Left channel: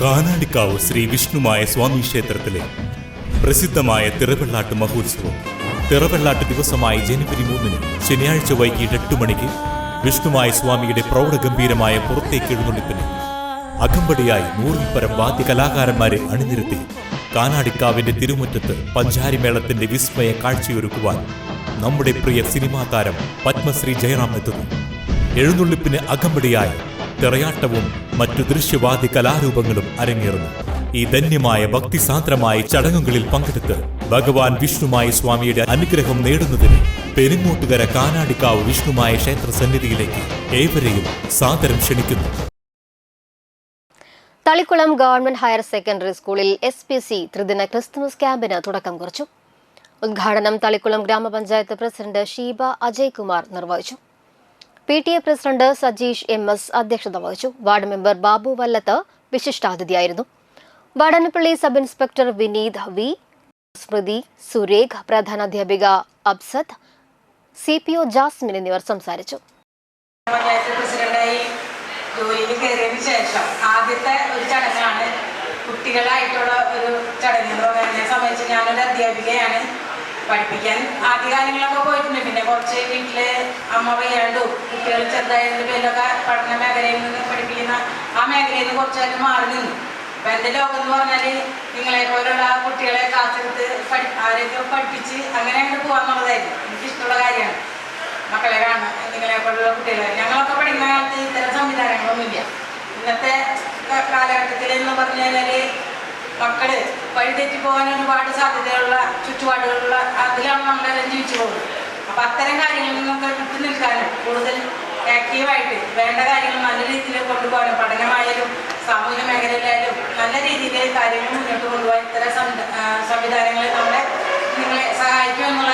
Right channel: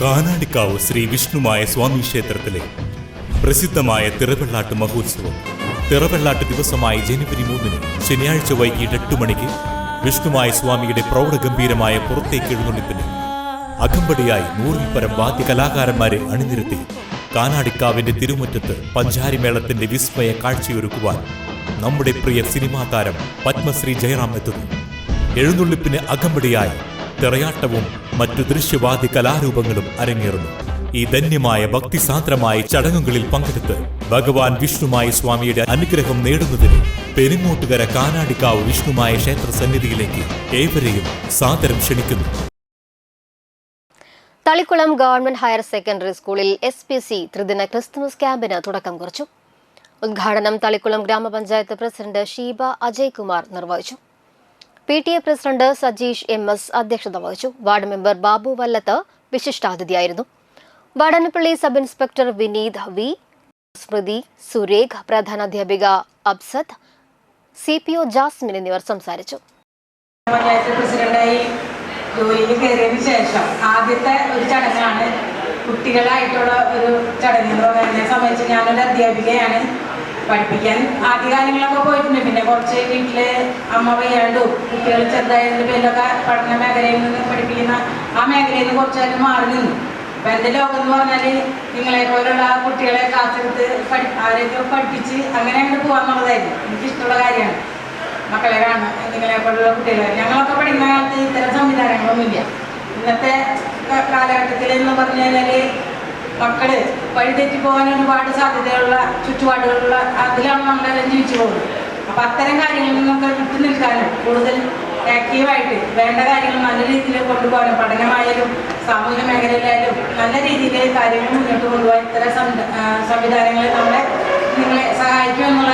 കാനാടിക്കാവ് ശ്രീ വിഷ്ണുമായ സ്വാമി ക്ഷേത്രത്തിലെ പ്രസിദ്ധമായ തിറവെള്ളാട്ട് മഹോത്സവം തിറവെള്ളാട്ട് ദിവസമായ ജനുവരി 3 ശനിയാഴ്ച വൈകിട്ട് 8 മണിക്ക് വിഷ്ണുമായ സ്വാമിയുടെ പ്രൗഢഗംഭീരമായ പുറത്തേക്ക് എഴുന്നള്ളിപ്പിന് അകമ്പടിയായി 100-ൽ പരം വാദ്യ കലാകാരന്മാരെ അണിനിരത്തി കാനാടിക്കാവിന്റെ തിരുമുറ്റത്ത് പഞ്ചാരിമേളത്തിന്റെ വിസ്മയ കാഴ്ചയൊരുക്കുവാൻ നമ്മുടെ പ്രിയ സിനിമാ താരം പത്മശ്രീ ജയറാം എത്തുന്നു. എഴുന്നള്ളിപ്പിന് അകമ്പടിയായി തിറയാട്ടവും മറ്റു ദൃശ്യവാദ്യ കലാരൂപങ്ങളും അരങ്ങേറുന്നു. ഈ ധന്യമായ ഭക്തിസാന്ദ്രമായ ചടങ്ങുകളിൽ പങ്കെടുത്ത് ഭഗവാൻ വിഷ്ണുമായ സ്വാമിയുടെ അനുഗ്രഹം നേടുന്നതിന് പെരിങ്ങോട്ടുകര കാനാടിക്കാവ് വിഷ്ണുമായ ക്ഷേത്ര സന്നിധിയിലേക്ക് ഏവരെയും സാദരം ക്ഷണിക്കുന്നു. തളിക്കുളം ഗവൺമെന്റ് ഹയർ സെക്കൻഡറി സ്കൂളിൽ SPC ത്രിദിന ക്രിസ്തുമസ് ക്യാമ്പിന് തുടക്കം കുറിച്ചു. ഉദ്ഘാടനം തളിക്കുളം ഗ്രാമപഞ്ചായത്ത് പ്രസിഡന്റ് ഷീബ അജയ്കുമാർ നിർവഹിച്ചു. PTA പ്രസിഡന്റ് സജീഷ് MS അധ്യക്ഷത വഹിച്ചു. വാർഡ് മെമ്പർ ബാബു വല്ലത്ത് വിശിഷ്ടാതിഥിയായിരുന്നു. Vatanappally sub inspector Vineeth V, Smrithi, Surekh, പ്രധാനാധ്യാപിക അബ്സത്ത്, CPO ജാസ്മിൻ എന്നിവർ സംസാരിച്ചു. ജോലിയിൽ കയറിയതിനു ശേഷം ആദ്യത്തെ ഒരു ചടങ്ങാണ് കുട്ടികളായിട്ടുള്ള ഒരു ചടങ്ങ്. എന്നെ സംബന്ധിച്ച് ഞാനൊരു അധ്യാപികയാണ്. പഠിപ്പിക്കാൻ ആദ്യകാലങ്ങളൊക്കെ പോയിട്ടുണ്ട്. പിന്നെ കുറച്ച് വീട്ടില് അമ്മ വയ്യാണ്ടും കുട്ടികൾ ചെറുതായതിൻ്റെ പേരിലൊക്കെ പഠന മേഖലയിൽ നിന്ന് പഠിപ്പിക്കുന്ന ആ മേഖലയിൽ നിന്ന് കുറച്ചായിട്ട് മാറി നിന്നു. അപ്പം എൻ്റെ ലോകം എന്ന് പറഞ്ഞാൽ നിങ്ങളെ പോലുള്ള കുട്ടികളെ കാത്തെടുത്ത് ആരെയൊക്കെ പഠിപ്പിച്ച് അങ്ങനെ അങ്ങോട്ട് പോകാന്നുള്ളതായിരുന്നു. എനിക്കിഷ്ടമുള്ള കാര്യമാണ് മക്കളെ കാണുക. നിങ്ങളെ പോലുള്ള കുട്ടികളെ ഞങ്ങളൊക്കെ പഠിക്കുന്ന കാലത്ത് ഇത്തരം സംവിധാനങ്ങളൊന്നുമില്ല. ഇന്നത്തെ കാലഘട്ടത്തിൽ എന്ന് പറഞ്ഞു കഴിഞ്ഞാൽ മക്കള് വഴിതെറ്റി പോകാൻ ഒരുപാട് സാധ്യതയുള്ള ചുറ്റുപാടുകളുള്ള അതിലാണ് നമ്മളെല്ലാം ജീവിച്ചു പോകുന്നത്. അപ്പം അത്തരം കാര്യങ്ങളിൽ നിന്നൊക്കെ വിട്ടു നിൽക്കാനും കൂടുതൽ ആക്റ്റീവായിട്ട് വേണ്ട കാര്യങ്ങൾ നല്ല രീതിയിൽ കൊണ്ടുപോകാനും പഠനമായാലും സാമൂഹിക മേഖലയിലായാലും നല്ല രീതിയിൽ കാര്യങ്ങൾ മുന്നോട്ട് കൊണ്ടുപോകാൻ ഇത്തരം സംവിധാനങ്ങൾ നമ്മളെ നിങ്ങളെ സഹായിക്കുമെന്നുള്ള